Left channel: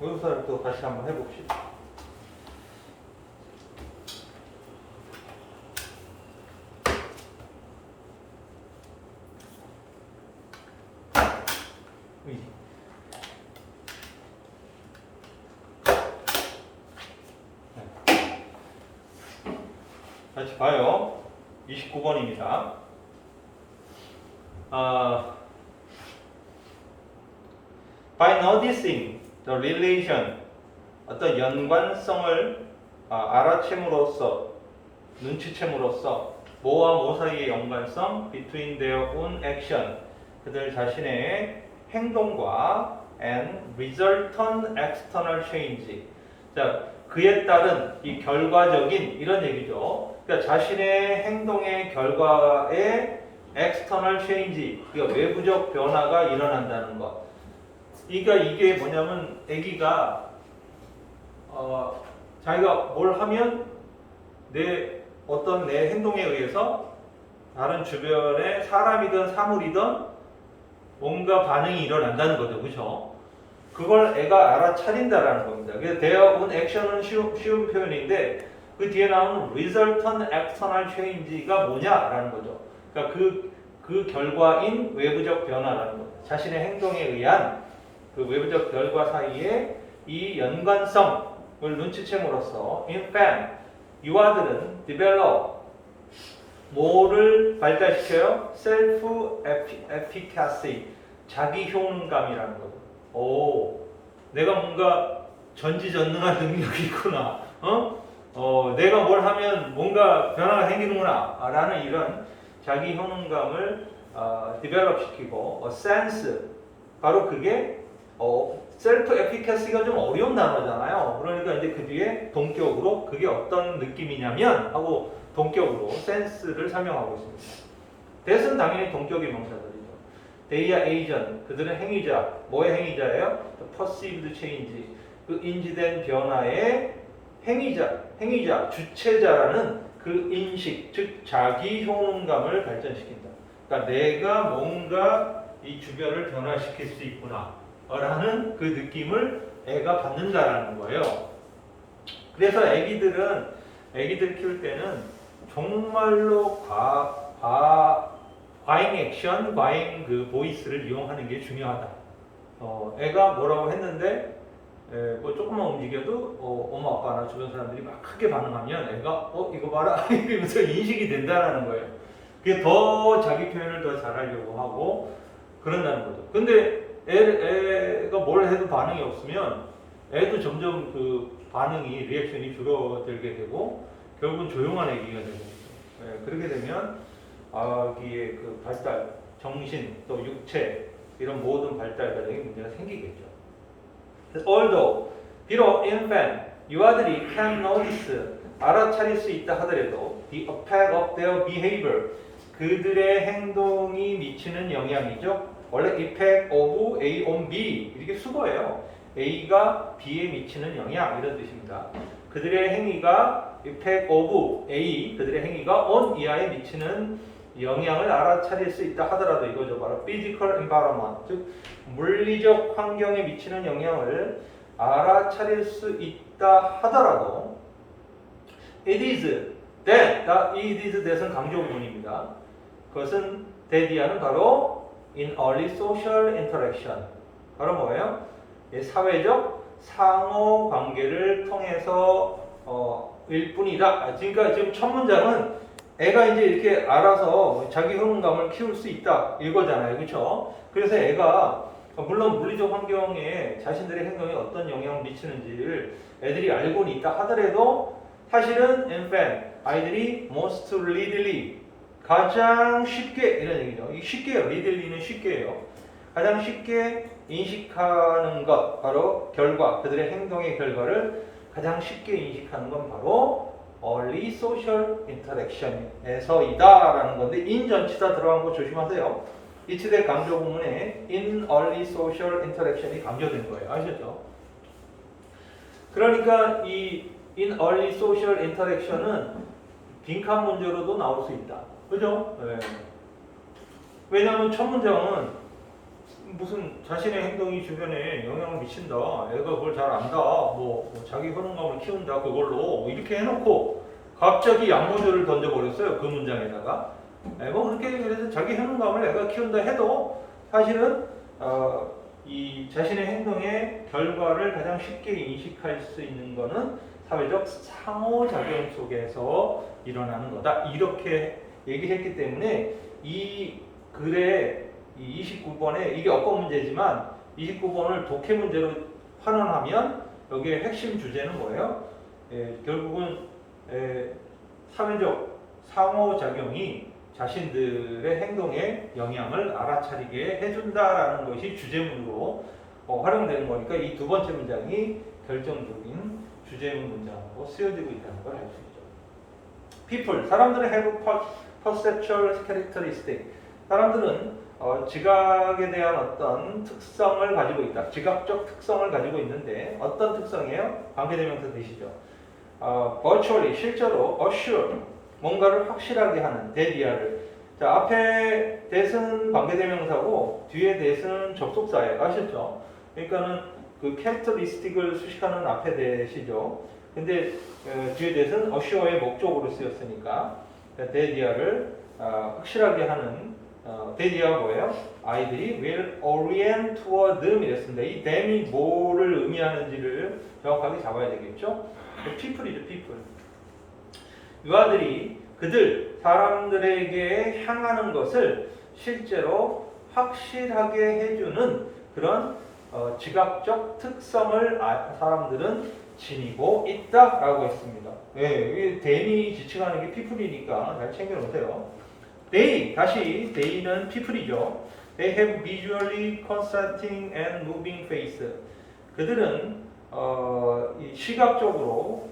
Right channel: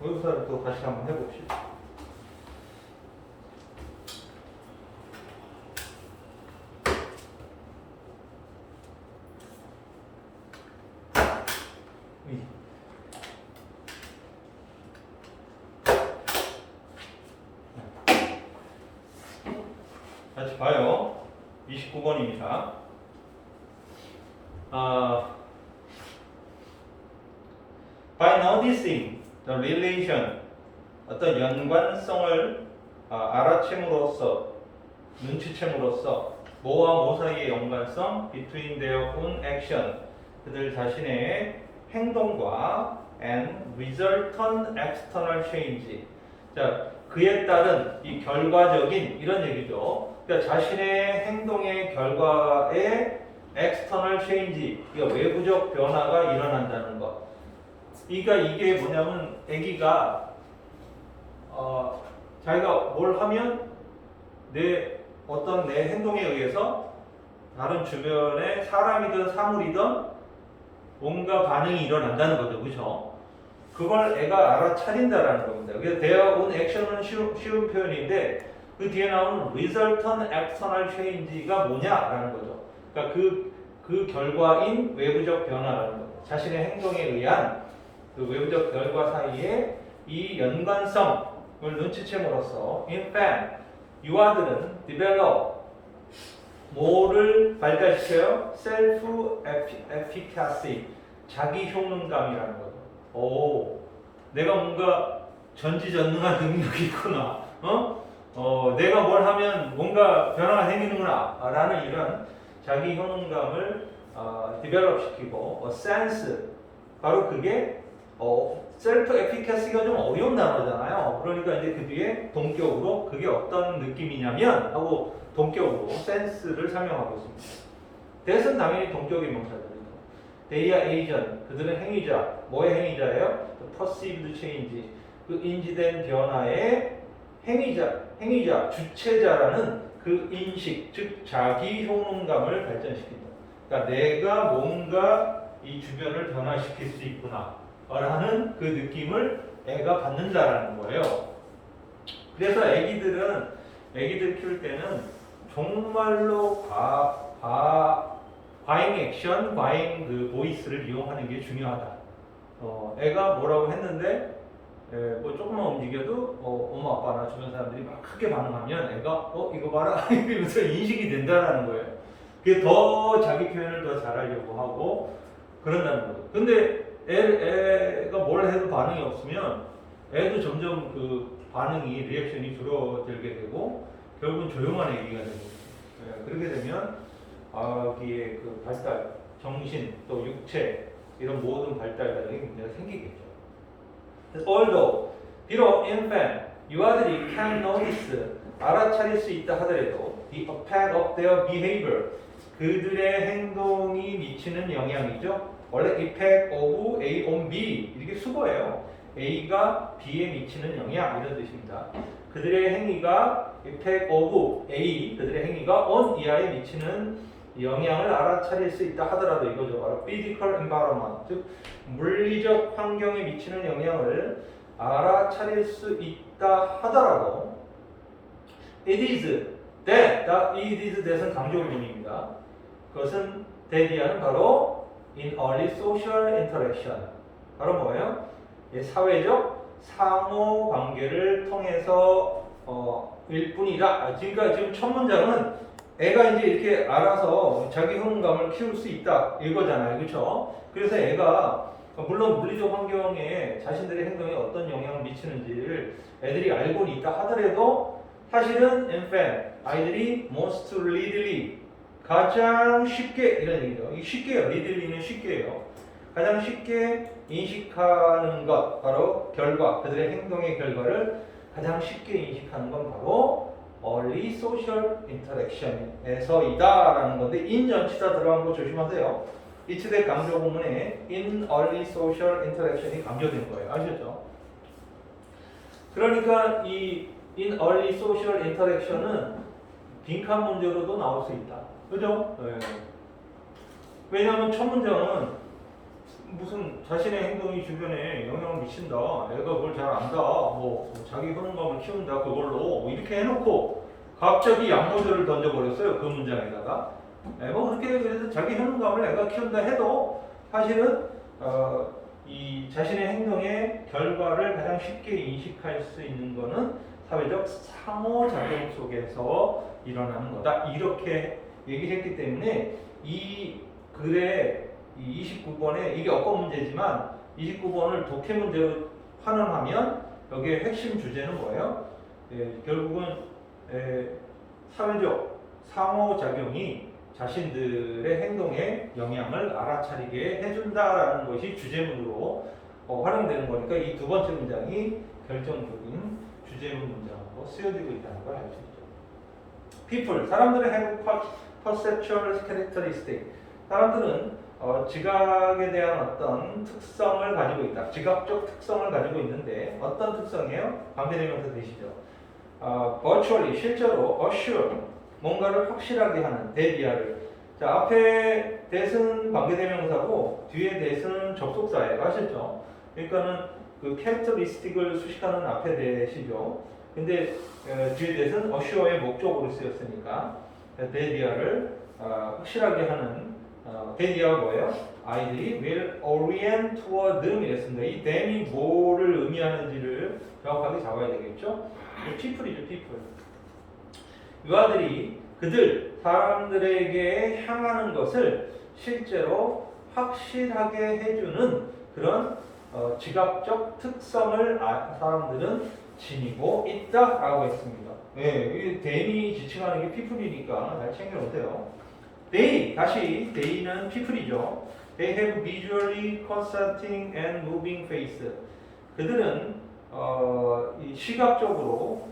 모의고사를 또 다시 한번 해봅시다. 같이 봐요. 29번입니다. By noticing the relation, 어떤 연관성을 알아챔으로써, 눈치챔으로써 뭐와 뭐 사이의 연관성, between their own action, 그들 자신의 행동과 and resultant external change. 자, 그에 따른 이 결과적인 이런 얘기죠. 그러니까 자신의 행동의 결과에 external change, 그러니까 외부적 변화가 일어난다는 것. 그러니까 이게 뭐냐면 아기가 자기가 뭘 하면 내 행동에 의해서 다른 주변의 사람이든 사물이든 뭔가 반응이 일어난다는 거죠, 그렇죠? 그걸 애가 알아차린다라는 겁니다. 그래서 their own action은 쉬운 표현인데 그 뒤에 나오는 resultant external change가 뭐냐라는 거죠. 그러니까 그 결과인 외부적 변화라는 거죠. 자신의 행동에 의한 그 외부적 결과 사이에 이 연관성을 눈치챔으로써 in fact 유아들은 develop 뭐를 발달시켜요? self-efficacy 자기 효능감이라는 거죠. 오, 내가 뭔가 전지전능한 능력이 있구나. 내가 뭘 하면 뭔가 변화가 생기는구나. 라는 이런 자기 효능감을 develop 시키고 sense 바로 그게 셀프 에피카시가 좀 어려운 단어잖아요. 그러니까 이제 그 뒤에 동격으로 그게 어떤 느낌이냐면 하고 동격으로 센스를 설명하고 있습니다. 대은 당연히 동격의 명사들이죠. They are agent, 그들은 행위자. 뭐의 행위자예요? The perceived change, 그 인지된 변화의 행위자, 주체자라는 그 인식, 즉 자기 효능감을 발전시킨다. 그러니까 내가 뭔가 이 주변을 변화시킬 수 있구나 라는 그 느낌을 애가 받는다라는 거예요. 그래서 애기들 키울 때는 정말로 과잉 액션, 과잉 그 보이스를 이용하는 게 중요하다. 애가 뭐라고 했는데 뭐 조금만 움직여도 엄마 아빠나 주변 사람들이 막 크게 반응하면 애가 이거 봐라 이러면서 인식이 된다라는 거예요. 그게 더 자기 표현을 더 잘하려고 하고 그런다는 거죠. 근데 애가 뭘 해도 반응이 없으면 애도 점점 그 반응이 리액션이 줄어들게 되고 결국은 조용한 애기가 되고 그렇게 되면 아기의 그 발달, 정신 또 육체 이런 모든 발달 과정에 문제가 생기겠죠. Although 비록 infant 유아들이 can notice 알아차릴 수 있다 하더라도 the effect of their behavior 그들의 행동이 미치는 영향이죠. 원래 effect of A on B 이렇게 수거예요. A가 B에 미치는 영향 이런 뜻입니다. 그들의 행위가 effect of A 그들의 행위가 on 이하에 미치는 영향을 알아차릴 수 있다 하더라도 이거죠. 바로 physical environment 즉 물리적 환경에 미치는 영향을 알아차릴 수 있다 하더라도 it is that it is that은 강조 부분입니다. 그것은 that이하는 바로 in early social interaction 바로 뭐예요? 사회적 상호 관계를 통해서 일 뿐이다. 그러니까 지금 첫 문장은 애가 이제 이렇게 알아서 자기 효능감을 키울 수 있다 이거잖아요, 그렇죠? 그래서 애가 물론 물리적 환경에 자신들의 행동에 어떤 영향을 미치는지를 애들이 알고는 있다 하더라도 사실은 infant 아이들이 most readily 가장 쉽게 이런 얘기죠. 쉽게요. readilly는 쉽게요. 가장 쉽게 인식하는 것 바로 결과 그들의 행동의 결과를 가장 쉽게 인식하는 건 바로 early social interaction에서이다라는 건데 in 전치사 들어간 거 조심하세요. 이치대 강조 부문에 in early social interaction이 강조된 거예요. 아시죠? 그러니까 이 in early social interaction은 빈칸 문제로도 나올 수 있다. 그죠? 네. 왜냐하면 첫 문장은 무슨 자신의 행동이 주변에 영향을 미친다. 애가 그걸 잘 안다. 뭐 자기 효능감을 키운다. 그걸로 뭐 이렇게 해놓고 갑자기 양모조를 던져버렸어요. 그 문장에다가. 뭐 그렇게 그래서 자기 효능감을 애가 키운다 해도 사실은 이 자신의 행동의 결과를 가장 쉽게 인식할 수 있는 거는 사회적 상호작용 속에서 일어나는 거다. 이렇게 얘기했기 때문에 이 글의 이 29번에 이게 어법 문제지만 29번을 독해 문제로 환원하면 여기에 핵심 주제는 뭐예요? 결국은 사회적 상호작용이 자신들의 행동에 영향을 알아차리게 해준다라는 것이 주제문으로 활용되는 거니까 이 두 번째 문장이 결정적인 주제문 문장으로 쓰여지고 있다는 걸 알 수 있죠. People, 사람들은 have perceptual characteristic. 사람들은 지각에 대한 어떤 특성을 가지고 있다. 지각적 특성을 가지고 있는데 어떤 특성이에요? 관계대명사 되시죠. virtually, 실제로 assure, 뭔가를 확실하게 하는 대비하를. 자, 앞에 that은 관계대명사고 뒤에 that은 접속사예요. 아셨죠? 그러니까는 그 characteristic을 수식하는 앞에 that이죠. 근데 뒤에 that은 assure의 목적으로 쓰였으니까 대비하를 확실하게 하는 대비하가 뭐예요? 아이들이 will orient toward them 이랬습니다. 이 them이 뭐를 의미하는지를 정확하게 잡아야 되겠죠? people이죠, people. 유아들이 그들 사람들에게 향하는 것을 실제로 확실하게 해주는 그런 지각적 특성을 사람들은 지니고 있다라고 했습니다. 이 them이 지칭하는 게 people이니까 잘 챙겨 놓으세요. 다시 they는 people이죠. They have visually contrasting and moving face. 그들은 이 시각적으로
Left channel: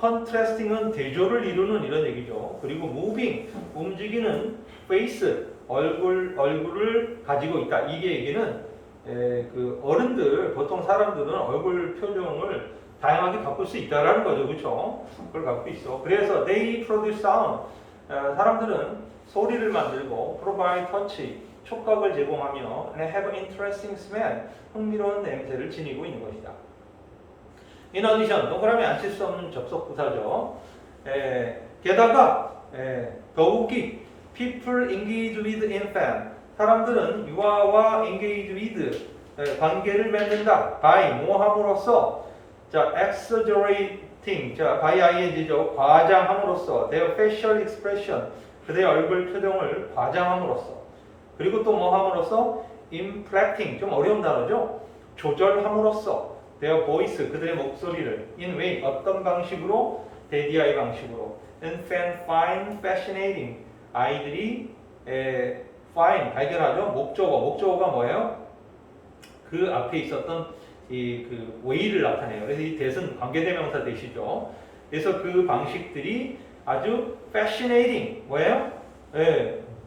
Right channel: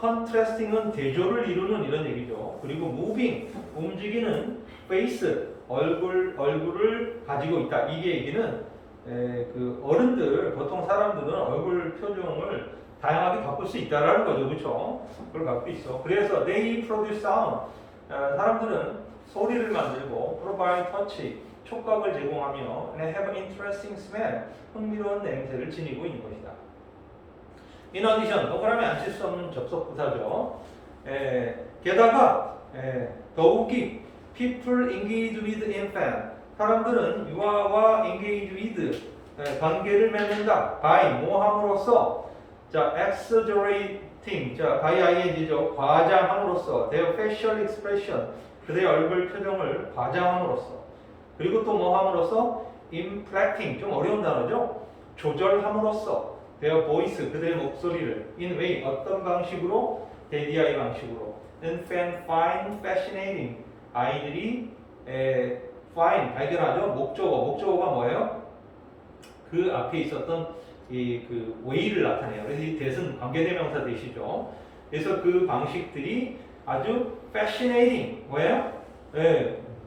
contrasting은 대조를 이루는 이런 얘기죠. 그리고 moving, 움직이는 face, 얼굴을 가지고 있다. 이게 얘기는 그 어른들, 보통 사람들은 얼굴 표정을 다양하게 바꿀 수 있다라는 거죠. 그렇죠? 그걸 갖고 있어. 그래서 they produce sound. 사람들은 소리를 만들고 provide touch, 촉각을 제공하며 and have interesting smell, 흥미로운 냄새를 지니고 있는 것이다. In addition, 동그라미 안 칠 수 없는 접속부사죠. 게다가 더욱이 people engage with infant, 사람들은 유아와 engage with, 관계를 맺는다. by, 뭐함으로써, 자, exaggerating, 자, by ing죠. 과장함으로써, their facial expression, 그들의 얼굴 표정을 과장함으로써, 그리고 또 뭐함으로써, inflecting, 좀 어려운 단어죠. 조절함으로써, their voice, 그들의 목소리를, in way, 어떤 방식으로, 대디아이 방식으로, infant find fascinating, 아이들이 find, 발견하죠. 목적어가 뭐예요? 그 앞에 있었던 그 way를 나타내요. 그래서 이 that은 관계대명사 that이죠. 그래서 그 방식들이 아주 fascinating, 뭐예요?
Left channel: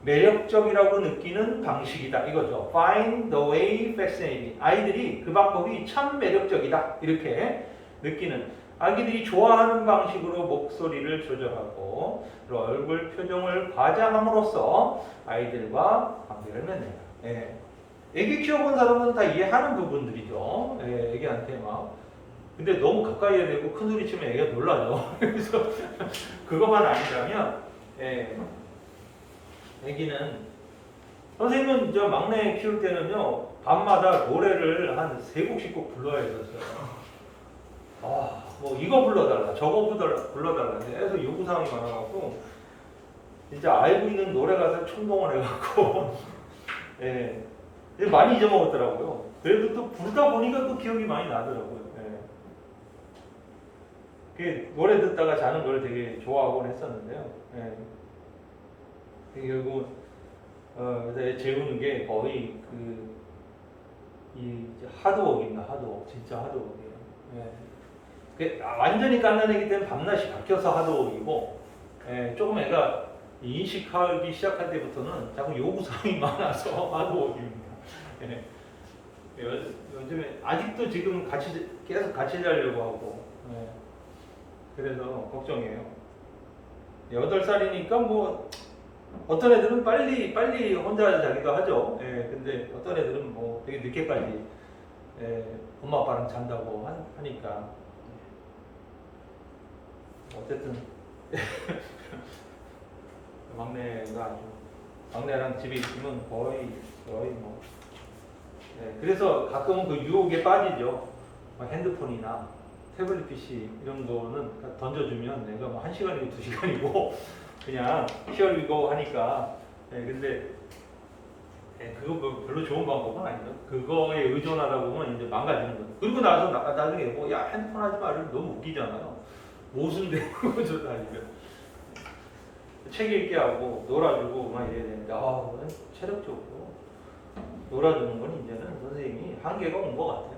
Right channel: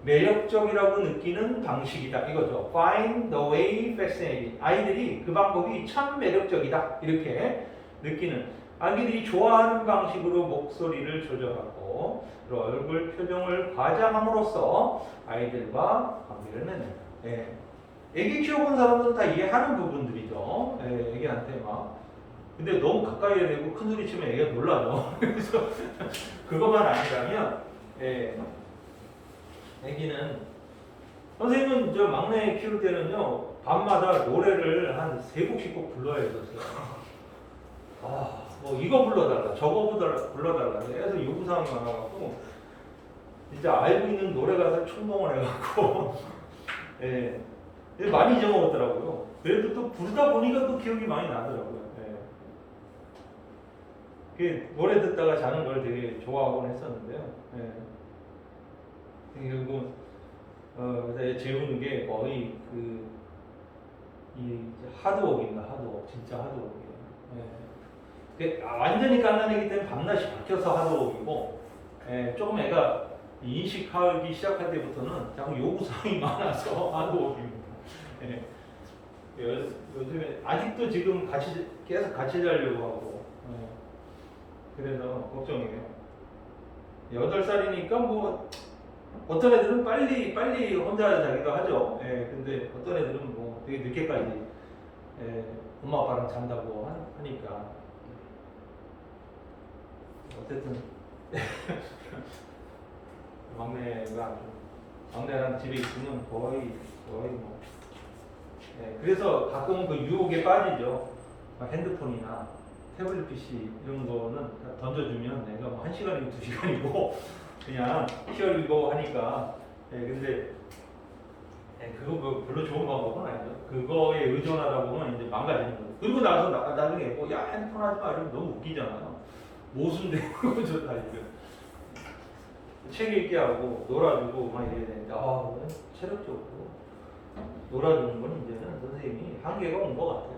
매력적이라고 느끼는 방식이다 이거죠. Find the way fascinating. 아이들이 그 방법이 참 매력적이다 이렇게 느끼는, 아기들이 좋아하는 방식으로 목소리를 조절하고 얼굴 표정을 과장함으로써 아이들과 관계를 맺는. 애기 키워본 사람들은 다 이해하는 부분들이죠. 애기한테 막. 근데 너무 가까이 해야 되고 큰 소리 치면 애기가 놀라죠. 그래서 그것만 안다면 애기는, 선생님은 저 막내 키울 때는요 밤마다 노래를 한 3곡씩 꼭 불러야 했었어요. 뭐 이거 불러달라 저거 불러달라 해서 요구사항이 많아갖고 진짜 알고 있는 노래 가사를 총동원 해갖고 많이 잊어먹었더라고요. 그래도 또 부르다 보니까 또 기억이 많이 나더라고요. 그 노래 듣다가 자는 걸 되게 좋아하곤 했었는데요. 결국 재우는 게 거의 이 하드워크입니다. 하드워크, 진짜 하드워크예요. 완전히 깐난애기 때는 밤낮이 바뀌어서 하드워크이고, 조금 애가 인식하기 시작할 때부터는 자꾸 요구사항이 많아서 하드워크입니다. 요즘에 아직도 지금 계속 같이 자려고 하고, 그래서 걱정이에요. 8살이니까 뭐 어떤 애들은 빨리 혼자 자기도 하죠. 예, 근데 어떤 애들은 뭐 되게 늦게까지 엄마 아빠랑 잔다고 하니까 어쨌든 막내랑 집에 있으면 거의 뭐 그래서 가끔은 그 유혹에 빠지죠. 막 핸드폰이나 태블릿 PC 이런 거는 던져주면 내가 막 1시간이고 2시간이고 그냥 쉬어리고 하니까 근데 그거 뭐 별로 좋은 방법은 아니죠. 그거에 의존하다 보면 이제 망가지는 거죠. 그리고 나서 나중에 뭐 야 핸드폰 하지 마 이러면 너무 웃기잖아요. 모순되는 거죠 사실은. 책 읽게 하고 놀아주고 막 이래야 되는데 체력적으로 놀아주는 건 이제는 선생님이 한계가 온 것 같아요.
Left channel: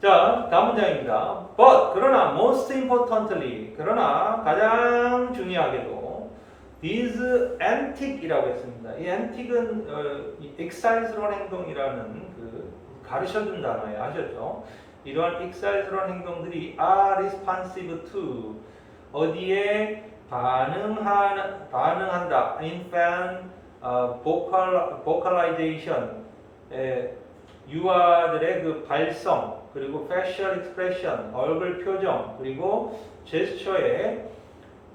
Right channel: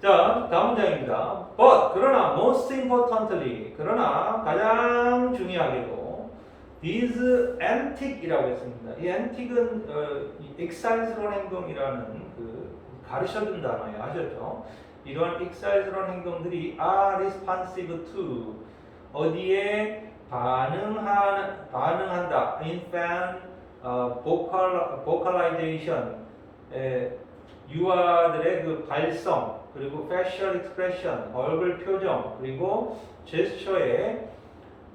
자, 다음 문장입니다. But 그러나 most importantly 그러나 가장 중요하게도 these antic이라고 했습니다. 이 antic은 excise스러운 행동이라는 그 가르쳐준 단어예요. 아셨죠? 이러한 excise스러운 행동들이 are responsive to 어디에 반응한다. infant vocalization 유아들의 그 발성 그리고 facial expression 얼굴 표정 그리고 제스처에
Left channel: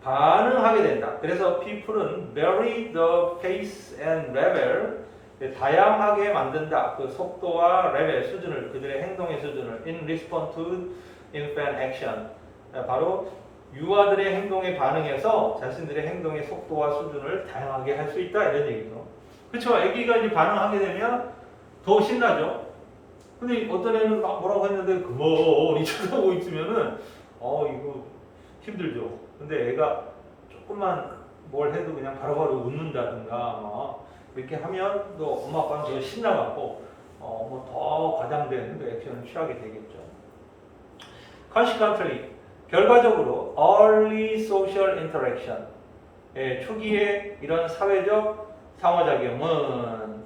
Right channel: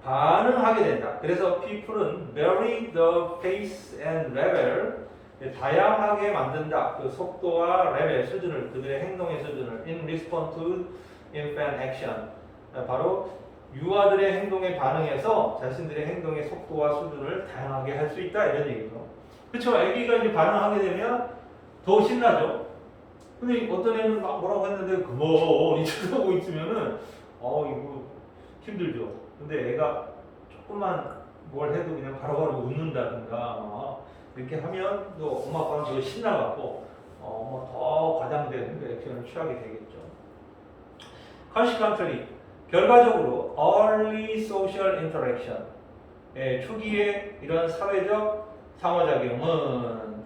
반응하게 된다. 그래서 people은 vary the pace and level 다양하게 만든다. 그 속도와 레벨 수준을 그들의 행동의 수준을 in response to infant action 바로 유아들의 행동에 반응해서 자신들의 행동의 속도와 수준을 다양하게 할 수 있다 이런 얘기죠. 그렇죠. 아기가 이제 반응하게 되면 더 신나죠. 근데 어떤 애는 막 뭐라고 했는데 그만이 쳐다보고 있으면은 이거 힘들죠. 근데 애가 조금만 뭘 해도 그냥 바로바로 웃는다든가 막 이렇게 하면 또 엄마 아빠는 더 신나갖고 더 과장된 그 액션을 취하게 되겠죠. Consequently 결과적으로 early social interaction 초기에 이런 사회적 상호작용은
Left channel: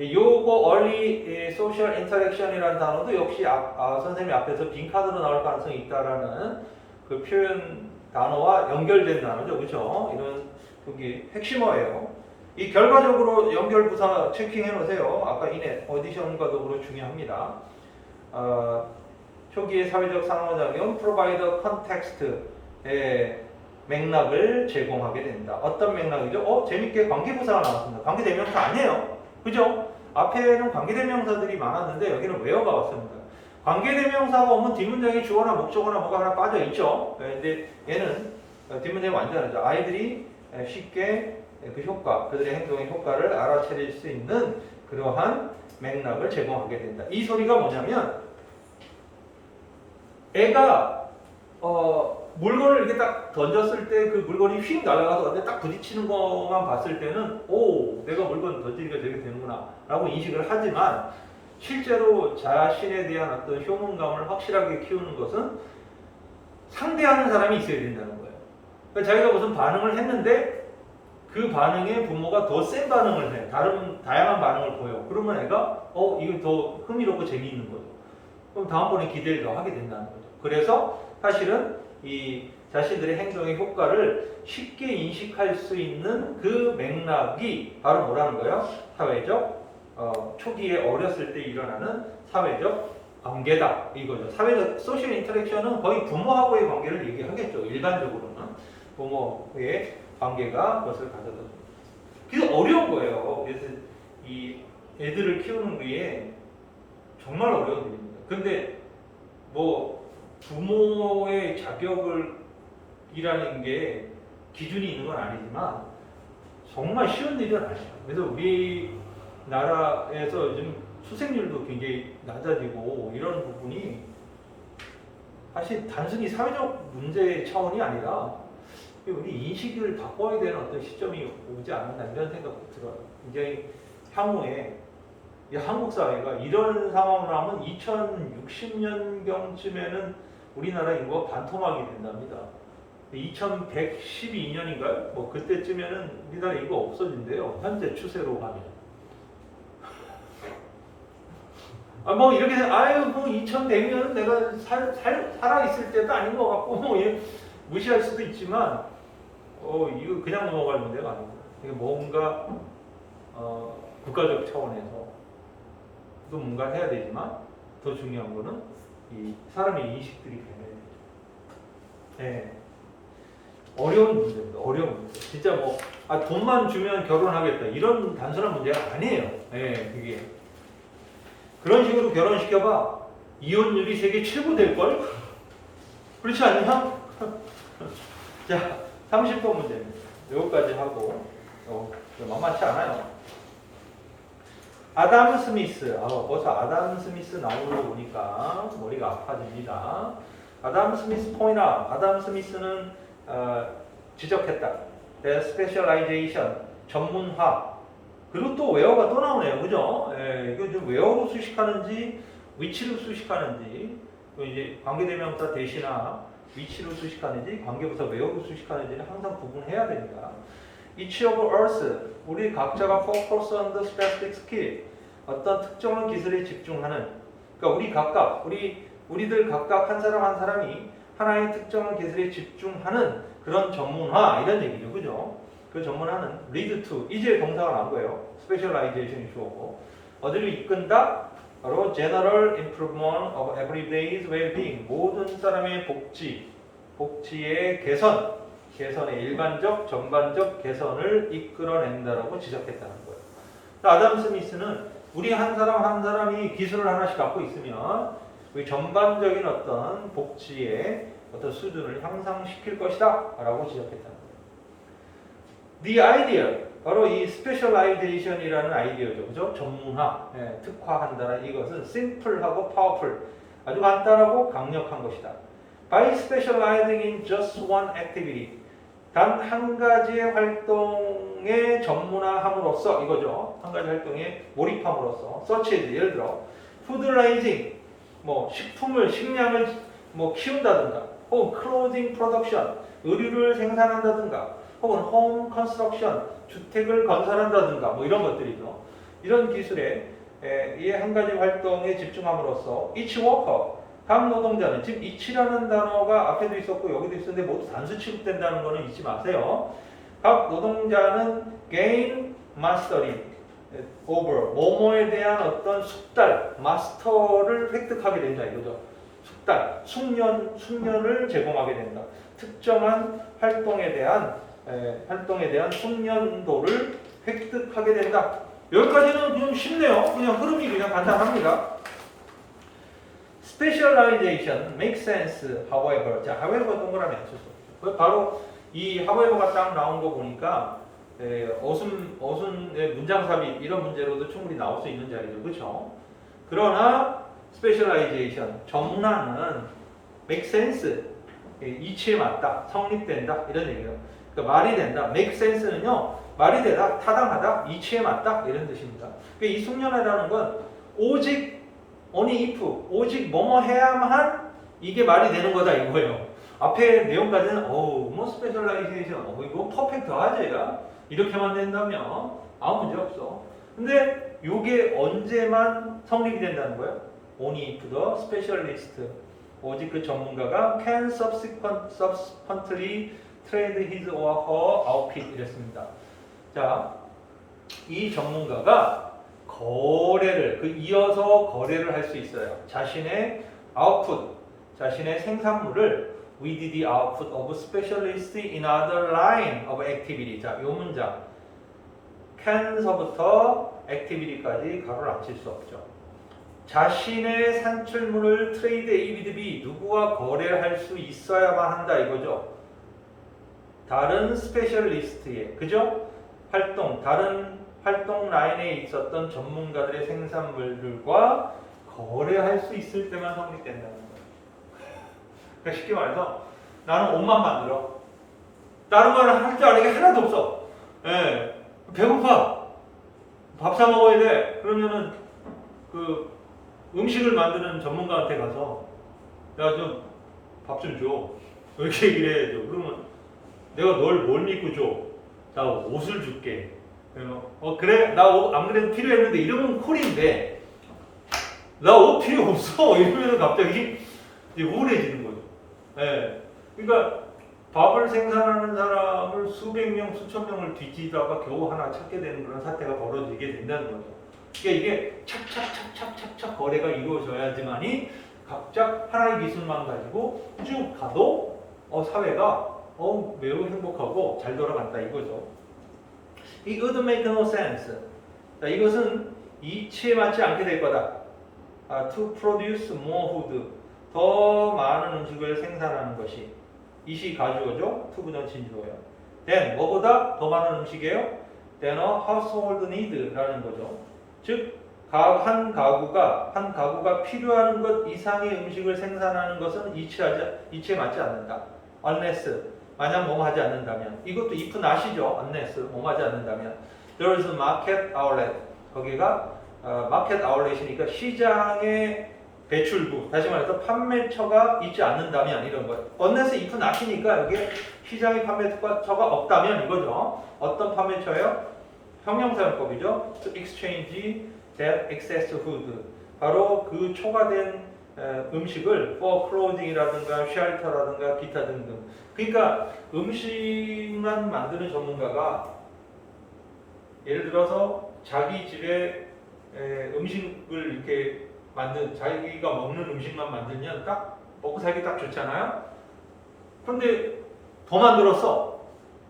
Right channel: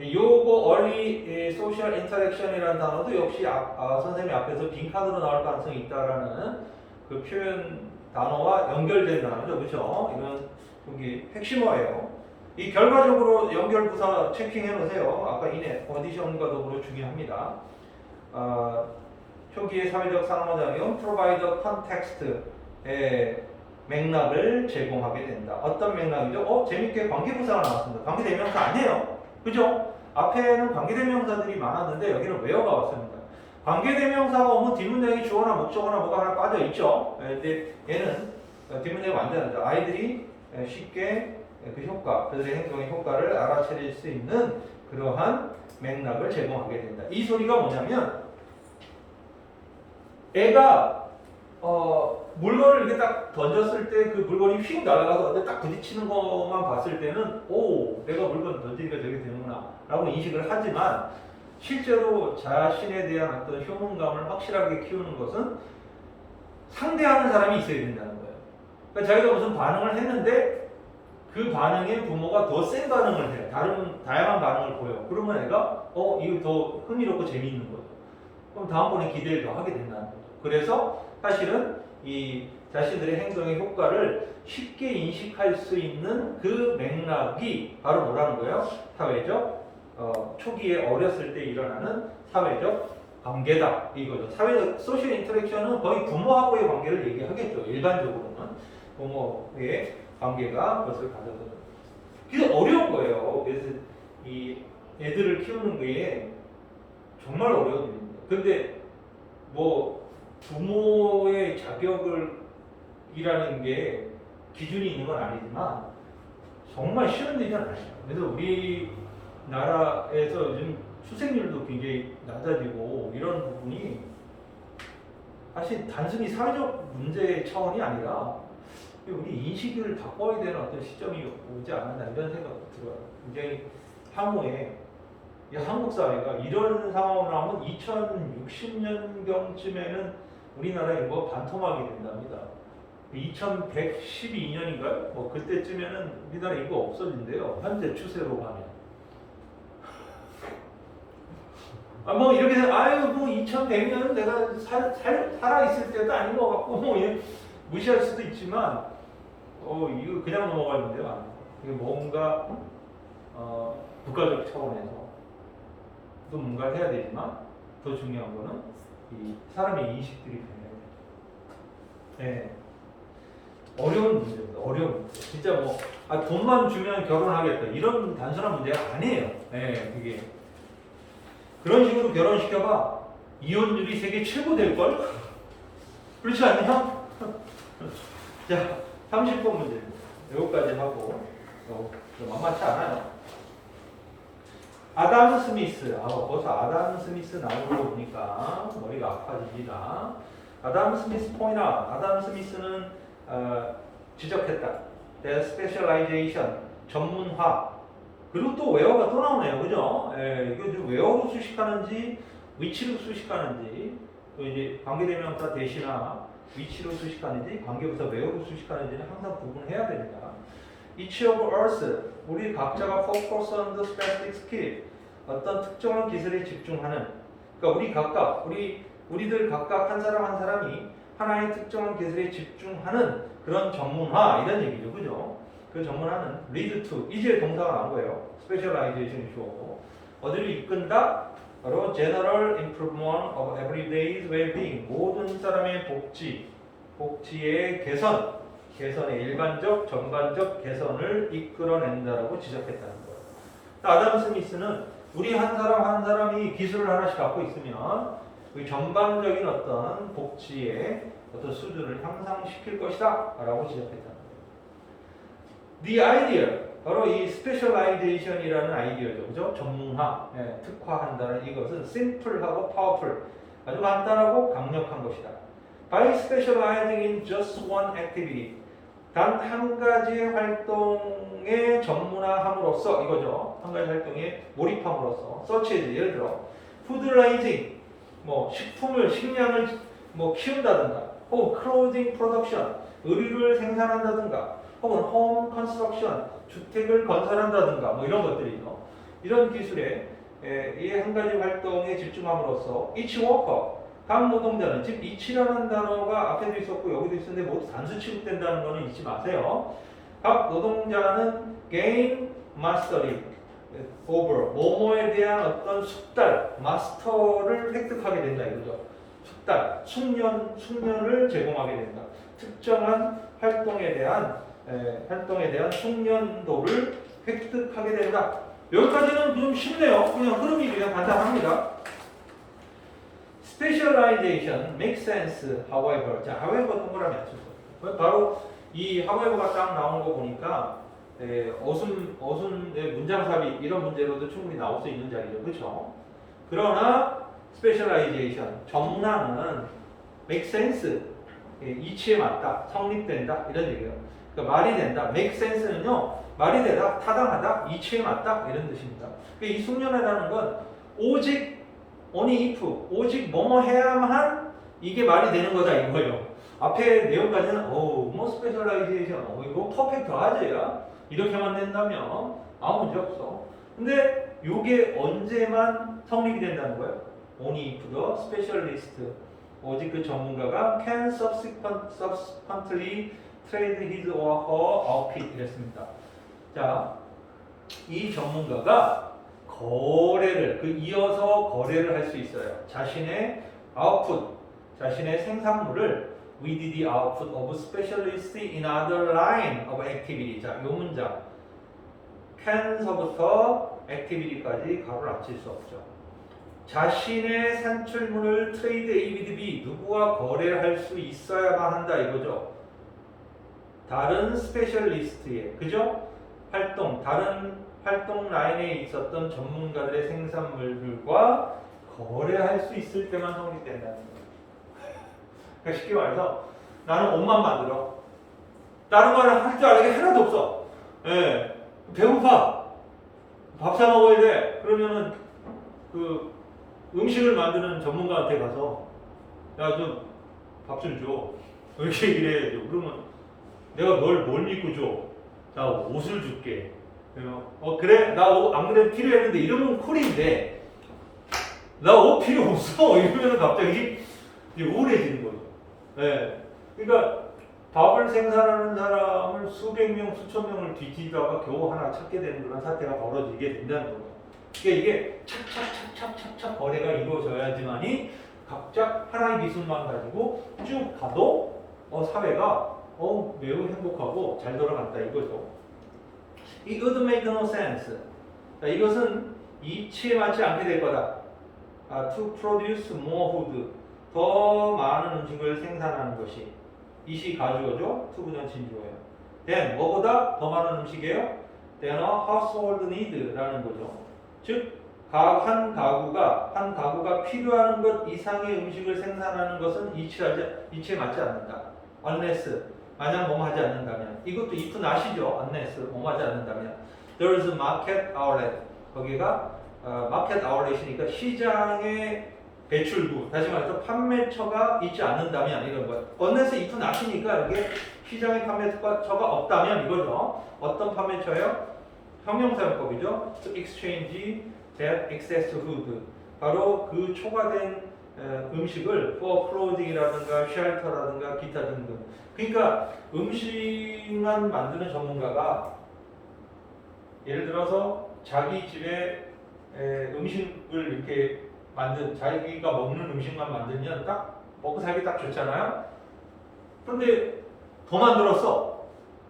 요거 early social interaction이라는 단어도 역시 선생님이 앞에서 빈칸으로 나올 가능성이 있다라는 그 표현 단어와 연결된 단어죠. 그렇죠? 이런 여기 핵심어예요. 이 결과적으로 연결 부사 체킹해 놓으세요. 아까 이네 어디션과 더불어 중요합니다. 초기의 사회적 상호작용 provide context의 맥락을 제공하게 된다. 어떤 맥락이죠? 재밌게 관계부사가 나왔습니다. 관계대명사 아니에요. 그죠? 앞에는 관계대명사들이 많았는데 여기는 where가 왔습니다. 관계대명사가 오면 뒷문장에 주어나 목적어나 뭐가 하나 빠져 있죠. 근데 얘는 뒷문장이 완전하죠. 아이들이 쉽게 그 효과, 그들의 행동의 효과를 알아차릴 수 있는 그러한 맥락을 제공하게 된다. 이 소리가 뭐냐면 애가 물건을 이렇게 딱 던졌을 때 그 물건이 휙 날아가서 근데 딱 부딪히는 것만 봤을 때는 내가 물건 던지니까 저게 되는구나 라고 인식을 하지만 실제로 자신에 대한 어떤 효능감을 확실하게 키우는 것은 상대하는 사람이 있어야 된다는 거예요. 그러니까 자기가 무슨 반응을 했는데 그 반응에 부모가 더 센 반응을 해. 다양한 반응을 보여. 그러면 애가 이거 더 흥미롭고 재미있는 거예요. 그럼 다음번에 기대를 더 하게 된다는 거죠. 그래서 사실은 이 자신들의 행동의 효과를 쉽게 인식할 수 있는 그 맥락이 바로 뭐라는 거예요? 사회적 초기에 어렸을 때 일어나는 사회적 관계다 이거죠. 사회적 소셜 인터랙션은 거의 부모하고의 관계를 얘기하겠죠. 일반적으로는 부모의 관계가 그것을 가져다. 그게 어려운 거예요. 그래서 이 애들을 키우는 게 정말 어려운 일입니다. 근데 뭐 부모의 자격이라는 게 기준이 있는 건 아니지만 정말 쉬운 일은 아니에요. 그래서 우리나라에서 요즘 수생률도 굉장히 낮아지고 이런 부분이 사실 단순히 사회적 문제 차원이 아니라 우리 인식을 바꿔야 되는 어떤 시점이 오지 않았나 이런 생각이 들어요. 굉장히 향후에 이 한국 사회가 이런 상황을 하면 2060년경쯤에는 우리나라 인구가 반토막이 된답니다. 2112년인가요? 뭐 그때쯤에는 우리나라 인구가 없어진대요. 현재 추세로 가면. 뭐 이렇게 뭐 2100년은 내가 살아 있을 때도 아닌 것 같고 뭐 무시할 수도 있지만 이거 그냥 넘어갈 문제가 아니죠. 이게 뭔가 국가적 차원에서 또 뭔가 해야 되지만 더 중요한 거는 이 사람의 인식들이 네. 어려운 문제입니다. 어려운 문제. 진짜 뭐 돈만 주면 결혼하겠다 이런 단순한 문제가 아니에요. 네, 그게 그런 식으로 결혼시켜봐 이혼율이 세계 최고 될 걸? 그렇지 않냐? 자, 30번 문제입니다. 여기까지 하고 만만치 않아요. 아담 스미스. 벌써 아담 스미스 나오는 거 보니까 머리가 아파집니다. 아담 스미스 포인트 아웃. 아담 스미스는 지적했다. The specialization, 전문화. 그리고 또 where가 또 나오네요. 그죠? 이거 좀 where로 수식하는지 위치로 수식하는지 또 이제 관계대명사 대시나 위치로 수식하는지 관계부사 where로 수식하는지는 항상 구분해야 됩니다. Each of us, 우리 각자가 focus on the specific skill, 어떤 특정한 기술에 집중하는, 그러니까 우리들 각각 한 사람 한 사람이 하나의 특정한 기술에 집중하는 그런 전문화 이런 얘기죠, 그죠? 그 전문화는 lead to, 이제 동사가 나온 거예요. specialization이 주어고 어디를 이끈다? 바로 general improvement of everyday's well-being, 모든 사람의 복지의 개선의 일반적, 전반적 개선을 이끌어낸다라고 지적했다는 거예요. 아담 스미스는 우리 한 사람 한 사람이 기술을 하나씩 갖고 있으면 그 전반적인 어떤 복지의 어떤 수준을 향상시킬 것이다 라고 지적했다는 거예요. The idea, 바로 이 specialization이라는 아이디어죠. 그죠? 전문화, 특화한다는 이것은 simple하고 powerful, 아주 간단하고 강력한 것이다. By specializing in just one activity, 단 한 가지의 활동에 전문화함으로써 이거죠. 한 가지 활동에 몰입함으로써 such as 예를 들어 food raising, 식량을 키운다든가, 혹은 clothing production, 의류를 생산한다든가, 혹은 home construction, 주택을 건설한다든가 이런 것들이죠. 이런 기술에 이 한 가지 활동에 집중함으로써 each worker, 각 노동자는 지금 each라는 단어가 앞에도 있었고 여기도 있었는데 모두 단수 취급된다는 거는 잊지 마세요. 각 노동자는 gain mastery over, 뭐뭐에 대한 어떤 숙달, 마스터를 획득하게 된다 이거죠. 숙달, 숙련을 제공하게 된다. 특정한 활동에 대한 숙련도를 획득하게 된다. 여기까지는 좀 쉽네요. 그냥 흐름이 그냥 간단합니다. Specialization makes sense, however. 자, however 동그라미 안 썼어. 바로 이 however가 딱 나온 거 보니까 어순의 문장삽입 이런 문제로도 충분히 나올 수 있는 자리죠, 그렇죠? 그러나 specialization, 전문화는 make sense, 이치에 맞다, 성립된다 이런 얘기예요. 그러니까 말이 된다. make sense는요, 말이 되다, 타당하다, 이치에 맞다 이런 뜻입니다. 그러니까 이 숙련이라는 건 only if, 오직 뭐뭐 해야만 이게 말이 되는 거다 이거예요. 앞에 내용까지는 스페셜라이제이션, 이거 퍼펙트 하지야 이렇게만 된다면 아무 문제 없어. 근데 이게 언제만 성립이 된다는 거예요? only if the specialist, 오직 그 전문가가 can subsequently trade his or her outfit 이랬습니다. 자, 이 전문가가 이어서 거래를 할 수 있어요. 자신의 output, 자신의 생산물을 with the output of specialists in other line of activity. 자, 요 문장 can서부터 activity까지 가로를 안 칠 수 없죠. 자신의 산출물을 트레이드 A with B, 누구와 거래할 수 있어야만 한다 이거죠. 다른 스페셜리스트의, 그죠? 다른 활동 라인에 있었던 전문가들의 생산물들과 거래할 수 있을 때만 성립된다는 거예요. 그러니까 쉽게 말해서 나는 옷만 만들어. 다른 거는 할 줄 아는 게 하나도 없어. 배고파. 밥 사 먹어야 돼. 그러면은 그 음식을 만드는 전문가한테 가서 야, 좀 밥 좀 줘. 이렇게 얘기를 해야죠. 그러면 내가 널 뭘 믿고 줘? 나 옷을 줄게. 그래? 나 옷 안 그래도 필요했는데 이러면 콜인데 나 옷 필요 없어. 이러면 갑자기 이제 우울해지는 거죠. 그러니까 밥을 생산하는 사람을 수백 명, 수천 명을 뒤지다가 겨우 하나 찾게 되는 그런 사태가 벌어지게 된다는 거죠. 그러니까 이게 착착착착착착 거래가 이루어져야지만이 각자 하나의 기술만 가지고 쭉 가도 사회가 매우 행복하고 잘 돌아간다 이거죠. 이 would make no sense. 자, 이것은 이치에 맞지 않게 될 거다. To produce more food. 더 많은 음식을 생산하는 것이. 이시 가주어죠. to보다는 진주어예요. then 뭐보다 더 많은 음식이에요. then a household need라는 거죠. 즉 한 가구가 필요한 것 이상의 음식을 생산하는 것은 이치에 맞지 않는다. unless 만약 뭐뭐 하지 않는다면 이것도 if not이죠. unless 뭐뭐 하지 않는다면 there is a market outlet 거기가 마켓 아울렛이니까 시장의 배출구 다시 말해서 판매처가 있지 않는다면 이런 것 unless if not이니까 여기에 시장의 판매처가 없다면 이거죠. 어떤 판매처예요? 형용사용법이죠. To exchange that excess food 바로 그 초과된 음식을 for clothing이라든가 shelter라든가 기타 등등 그러니까 음식만 만드는 전문가가 예를 들어서 자기 집에 음식을 이렇게 자기가 먹는 음식만 만들면 딱 먹고 살기 딱 좋잖아요. 그런데 더 만들었어.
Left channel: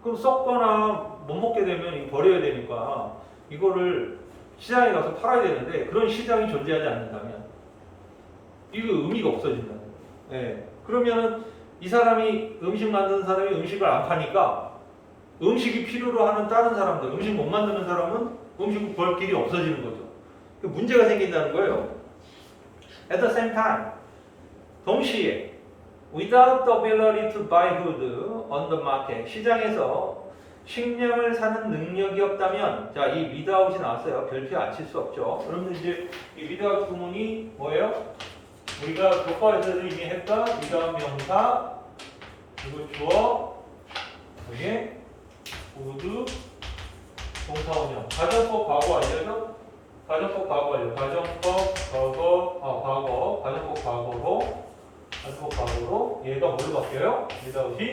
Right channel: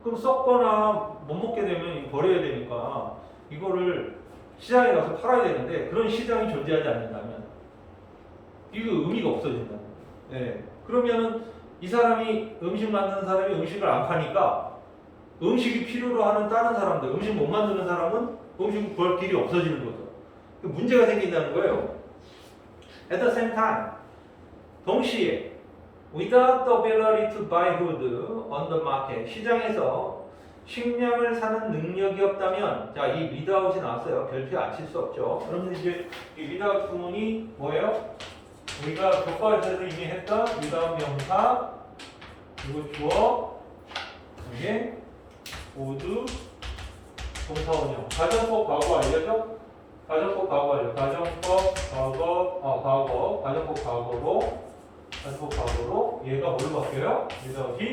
그럼 썩거나 못 먹게 되면 버려야 되니까 이거를 시장에 가서 팔아야 되는데 그런 시장이 존재하지 않는다면 이거 의미가 없어진다. 그러면은 이 사람이 음식 만드는 사람이 음식을 안 파니까 음식이 필요로 하는 다른 사람들, 음식 못 만드는 사람은 음식을 벌 길이 없어지는 거죠. 문제가 생긴다는 거예요. At the same time, 동시에 without the ability to buy food on the market, 시장에서 식량을 사는 능력이 없다면, 자, 이 without이 나왔어요. 별표 안 칠 수 없죠. 여러분들 이제 이 without 구문이 뭐예요? 우리가 교과에서도 이미 했던 without 명사, 그리고 주어, 이게 would, 동사원형. 가정법 과거 알려줘? 가정법 과거 알려. 가정법 과거로 얘가 뭘로 바뀌어요? without이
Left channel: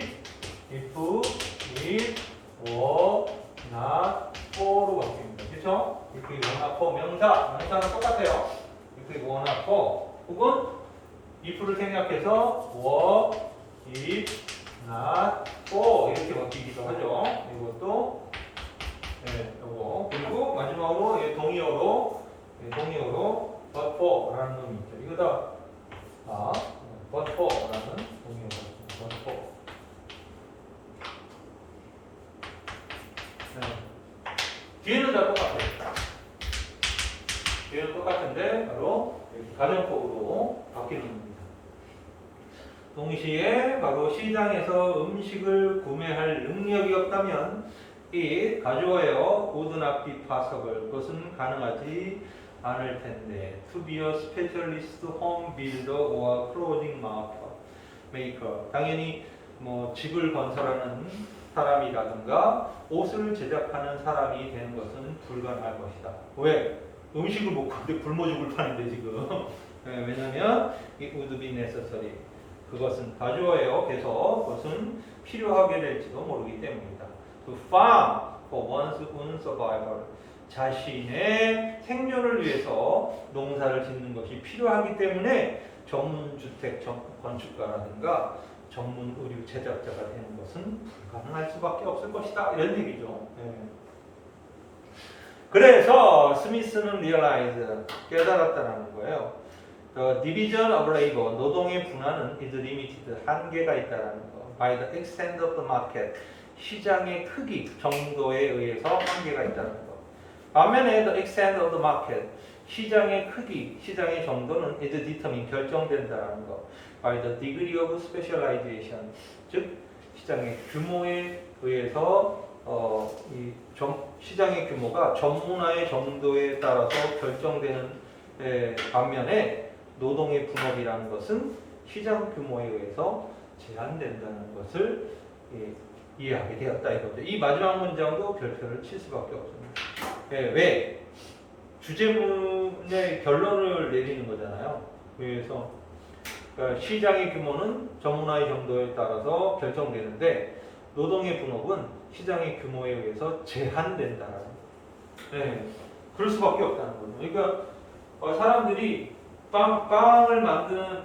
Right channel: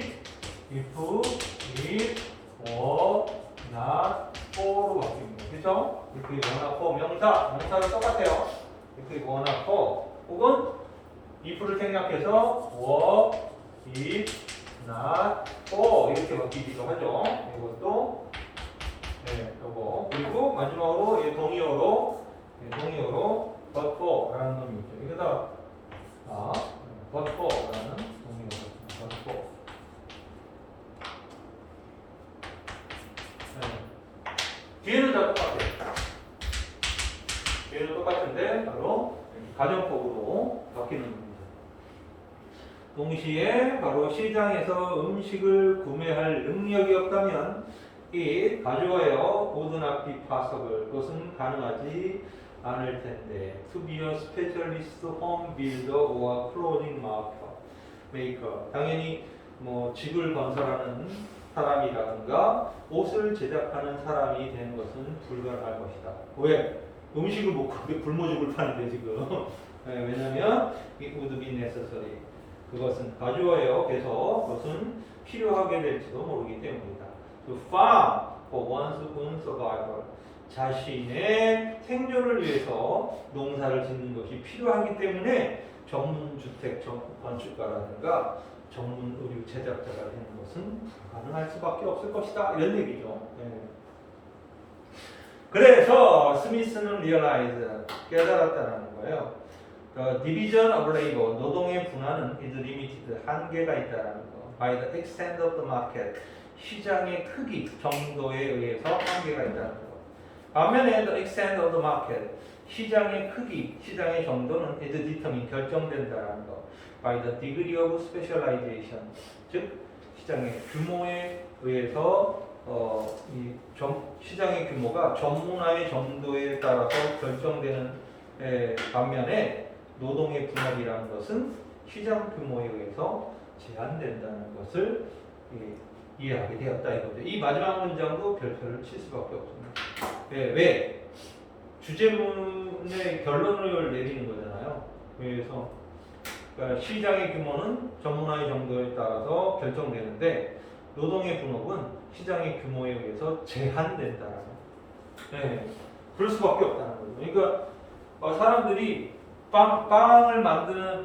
if, if, were, not, for로 바뀝니다. 그렇죠? if, were, not, for 명사는 똑같아요. if, were, not, for 혹은 if를 생략해서 were, if, not, for 이렇게 바뀌기도 하죠. 이것도 요거 그리고 마지막으로 동의어로 but for라는 놈이 있죠. 이거 다 but for라는 동의어로 but for. 뒤에는 다 똑같아요. 뒤에는 똑같은데 바로 가정법으로 바뀌는 겁니다. 동시에 바로 시장에서 음식을 구매할 능력이 없다면 이 가져와요. would not be possible. 그것은 가능하지 않을 텐데. To be a specialist home builder or clothing maker. 당연히 뭐 집을 건설하는 사람이라든가 옷을 제작하는 사람이 되는 것은 불가능할 것이다. 왜? 음식을 못 구하는데 굶어 죽을 판인데 지금. 왜냐하면 이 would be necessary. 그것은 가져와요. 그래서 그것은 필요하게 될지도 모르기 때문이다. To farm for one's own survival. 자신의 생존을 위해서 농사를 짓는 것이 필요하기 때문에 전문주택 건축가라든가 전문 의류 제작자가 되는 것은 불가능할 수밖에 없을 것이다. 이런 얘기죠. 그래서 스미스는 realize, 깨달았다는 거예요. The division of labor, 노동의 분화는 is limited, 한계가 있다는 거. By the extent of the market, 시장의 크기 정도에 의해서 한계가 있다는 거. 반면에 the extent of the market, 시장의 크기, 시장의 정도는 is determined, 결정된다는 거. By the degree of specialization, 즉 시장의 규모에 의해서 시장의 규모가 전문화의 정도에 따라서 결정되는 반면에 노동의 분업이라는 것은 시장 규모에 의해서 제한된다는 것을 이해하게 되었다 이거죠. 이 마지막 문장도 별표를 칠 수밖에 없습니다. 왜? 주제문의 결론을 내리는 거잖아요. 그래서 시장의 규모는 전문화의 정도에 따라서 결정되는데 노동의 분업은 시장의 규모에 의해서 제한된다라는 거예요. 네, 그럴 수밖에 없다는 거죠. 그러니까 사람들이 빵을 만드는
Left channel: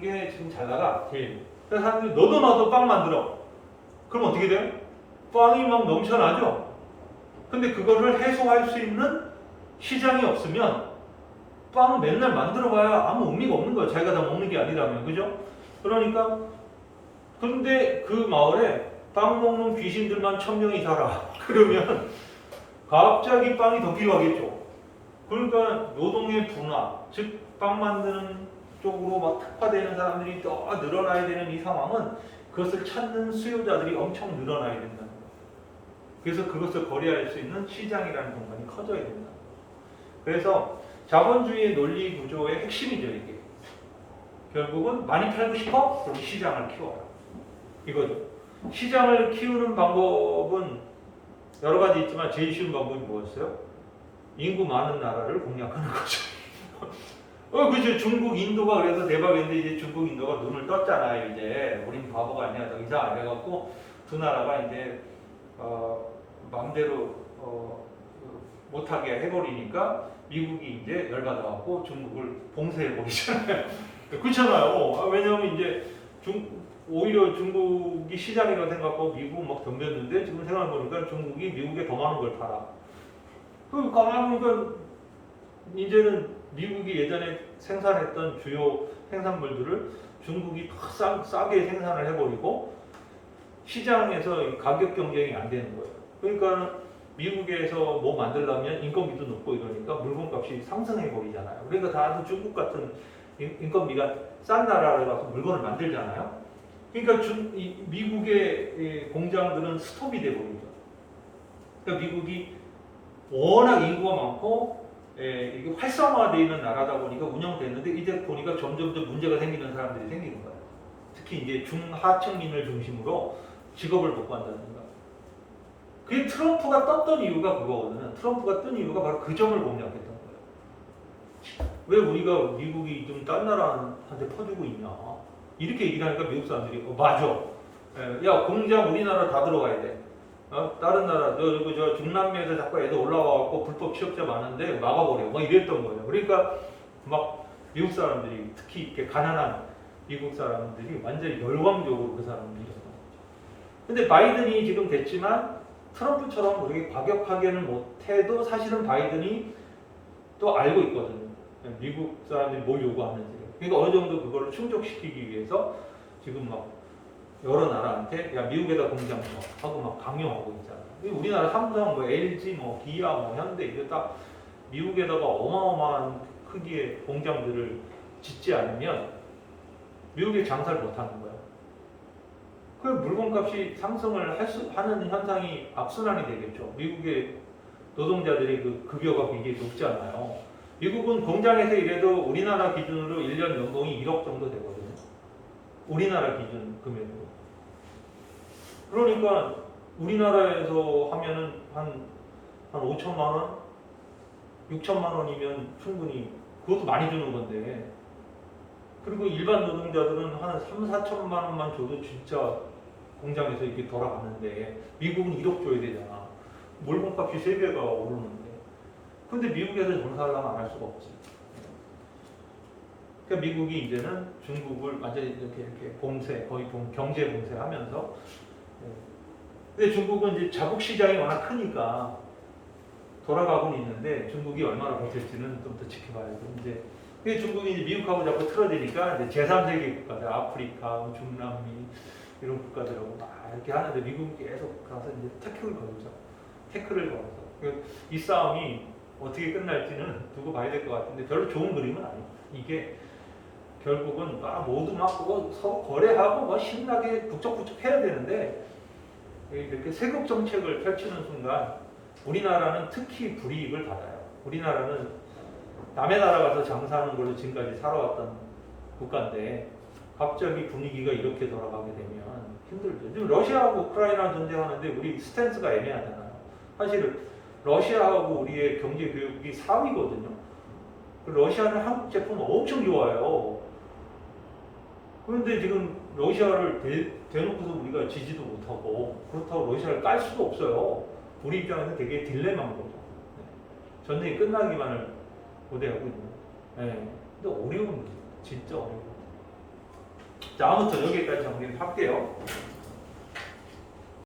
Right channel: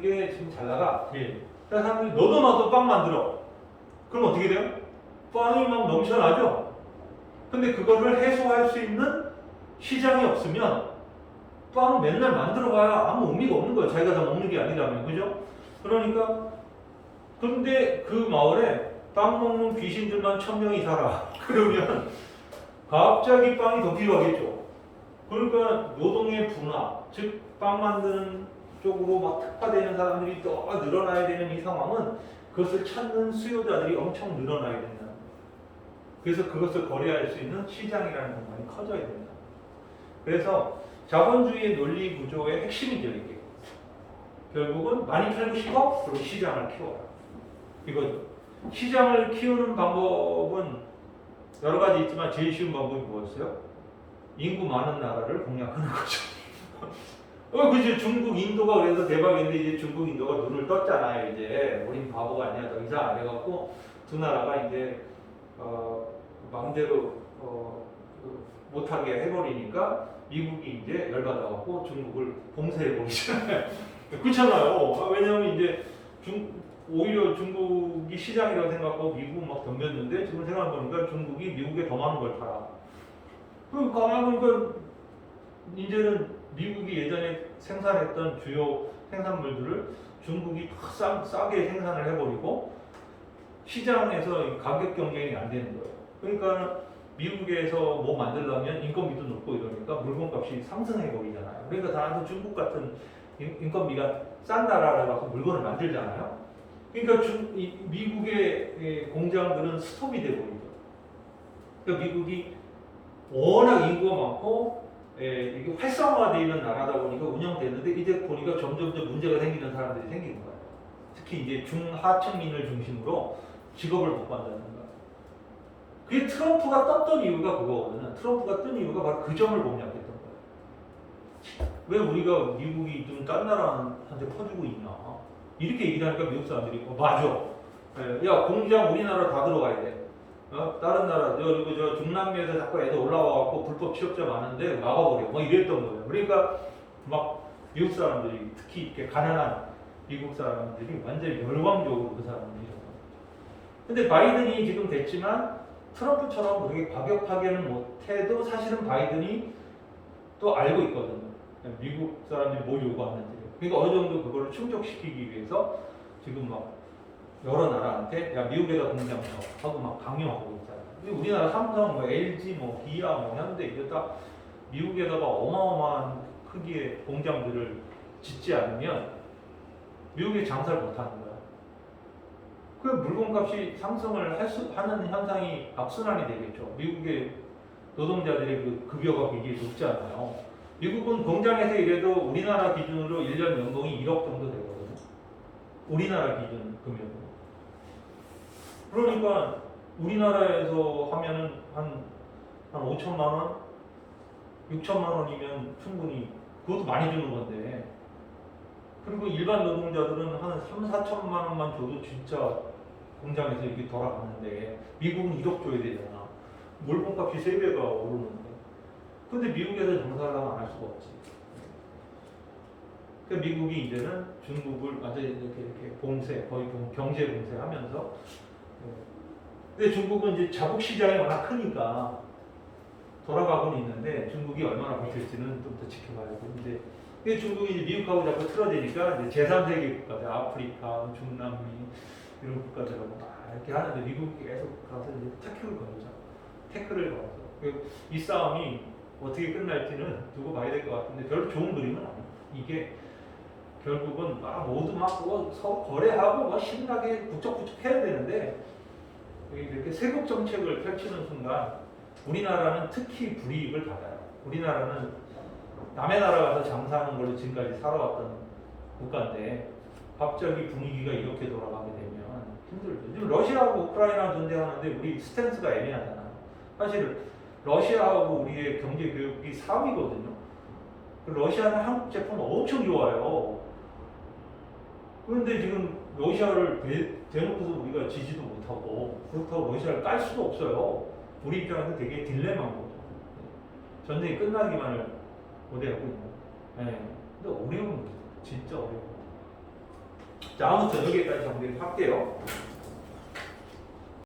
게 지금 잘 나가 제일. 그래서 사람들이 너도 나도 빵 만들어. 그럼 어떻게 돼요? 빵이 막 넘쳐나죠. 근데 그거를 해소할 수 있는 시장이 없으면 빵 맨날 만들어봐야 아무 의미가 없는 거예요. 자기가 다 먹는 게 아니라면, 그죠? 그러니까 그런데 그 마을에 빵 먹는 귀신들만 1000명이 살아. 그러면 갑자기 빵이 더 필요하겠죠. 그러니까 노동의 분화, 즉 빵 만드는 쪽으로 막 특화되는 사람들이 더 늘어나야 되는 이 상황은 그것을 찾는 수요자들이 엄청 늘어나야 된다는 거예요. 그래서 그것을 거래할 수 있는 시장이라는 공간이 커져야 된다. 그래서 자본주의의 논리 구조의 핵심이죠, 이게. 결국은 많이 팔고 싶어? 그리고 시장을 키워라. 이거죠. 시장을 키우는 방법은 여러 가지 있지만 제일 쉬운 방법이 뭐였어요? 인구 많은 나라를 공략하는 거죠. 그치. 중국, 인도가 그래서 대박인데 이제 중국, 인도가 눈을 떴잖아요. 이제 우린 바보가 아니야. 더 이상 안 해갖고 두 나라가 이제 마음대로 못하게 해버리니까 미국이 이제 열받아갖고 중국을 봉쇄해버리잖아요. 그렇잖아요. 왜냐하면 이제 오히려 중국이 시장이라고 생각하고 미국은 막 덤볐는데 지금 생각해보니까 중국이 미국에 더 많은 걸 팔아. 그럼 가만히 보니까 이제는 미국이 예전에 생산했던 주요 생산물들을 중국이 싸게 생산을 해버리고 시장에서 가격 경쟁이 안 되는 거예요. 그러니까 미국에서 뭐 만들려면 인건비도 높고 이러니까 물건값이 상승해버리잖아요. 그러니까 다들 중국 같은 인건비가 싼 나라라서 물건을 만들잖아요. 그러니까 미국의 공장들은 스톱이 돼버리죠. 그러니까 미국이 워낙 인구가 많고 이게 활성화되어 있는 나라다 보니까 운영되는데 이제 보니까 점점 더 문제가 생기는 사람들이 생기는 거예요. 특히 이제 중하층민을 중심으로 직업을 못 구한다는 거예요. 그게 트럼프가 떴던 이유가 그거거든요. 트럼프가 뜬 이유가 바로 그 점을 공략했던 거예요. 왜 우리가 미국이 좀 다른 나라한테 퍼주고 있냐. 이렇게 얘기하니까 미국 사람들이 맞아. 야 공장 우리나라 다 들어가야 돼. 다른 나라 저 중남미에서 자꾸 애들 올라와갖고 불법 취업자 많은데 막아버려. 뭐 이랬던 거예요. 그러니까 막 미국 사람들이 특히 이렇게 가난한 미국 사람들이 완전 열광적으로 그 사람들이. 근데 바이든이 지금 됐지만 트럼프처럼 그렇게 과격하게는 못해도 사실은 바이든이 또 알고 있거든요. 미국 사람들이 뭘 요구하는지. 그러니까 어느 정도 그걸 충족시키기 위해서 지금 막 여러 나라한테 야 미국에다 공장 쳐 하고 막 강요하고 있잖아요. 우리나라 삼성, 뭐 LG, 뭐 기아, 뭐 현대 이게 다 미국에다가 어마어마한 크기의 공장들을 짓지 않으면 미국에 장사를 못하는 거예요. 그 물건값이 상승을 하는 현상이 악순환이 되겠죠. 미국의 노동자들이 그 급여가 굉장히 높지 않아요. 미국은 공장에서 일해도 우리나라 기준으로 1년 연봉이 1억 정도 되거든요. 우리나라 기준 금액으로. 그러니까 우리나라에서 하면은 한 5천만 원? 6천만 원이면 충분히 그것도 많이 주는 건데 그리고 일반 노동자들은 한 3, 4천만 원만 줘도 진짜 공장에서 이렇게 돌아가는데 미국은 1억 줘야 되잖아. 물건값이 3배가 오르는데 근데 미국에서 장사하려면 안 할 수가 없지. 그러니까 미국이 이제는 중국을 완전히 이렇게 봉쇄, 거의 경제 봉쇄하면서 근데 중국은 이제 자국 시장이 워낙 크니까 돌아가고는 있는데 중국이 얼마나 버틸지는 좀 더 지켜봐야 되고 이제 근데 중국이 이제 미국하고 자꾸 틀어지니까 이제 제3세계 국가들 아프리카, 중남미 이런 국가들하고 막 이렇게 하는데 미국이 계속 가서 이제 태클을 걸어서 이 싸움이 어떻게 끝날지는 두고 봐야 될 것 같은데 별로 좋은 그림은 아니에요. 이게 결국은 막 모두 막 서로 거래하고 막 신나게 북적북적 해야 되는데 이렇게 세금 정책을 펼치는 순간 우리나라는 특히 불이익을 받아요. 우리나라는 남의 나라 가서 장사하는 걸로 지금까지 살아왔던 국가인데 갑자기 분위기가 이렇게 돌아가게 되면 힘들죠. 지금 러시아하고 우크라이나 전쟁하는데 우리 스탠스가 애매하잖아요. 사실 러시아하고 우리의 경제 교육이 4위거든요. 러시아는 한국 제품 엄청 좋아해요. 그런데 지금 러시아를 대놓고도 우리가 지지도 못하고 그렇다고 러시아를 깔 수도 없어요. 우리 입장에서 되게 딜레마인 거죠. 네. 전쟁이 끝나기만을 고대하고 있는. 네. 근데 어려운 거죠. 진짜 어려워. 자, 아무튼 여기까지 정리를 할게요.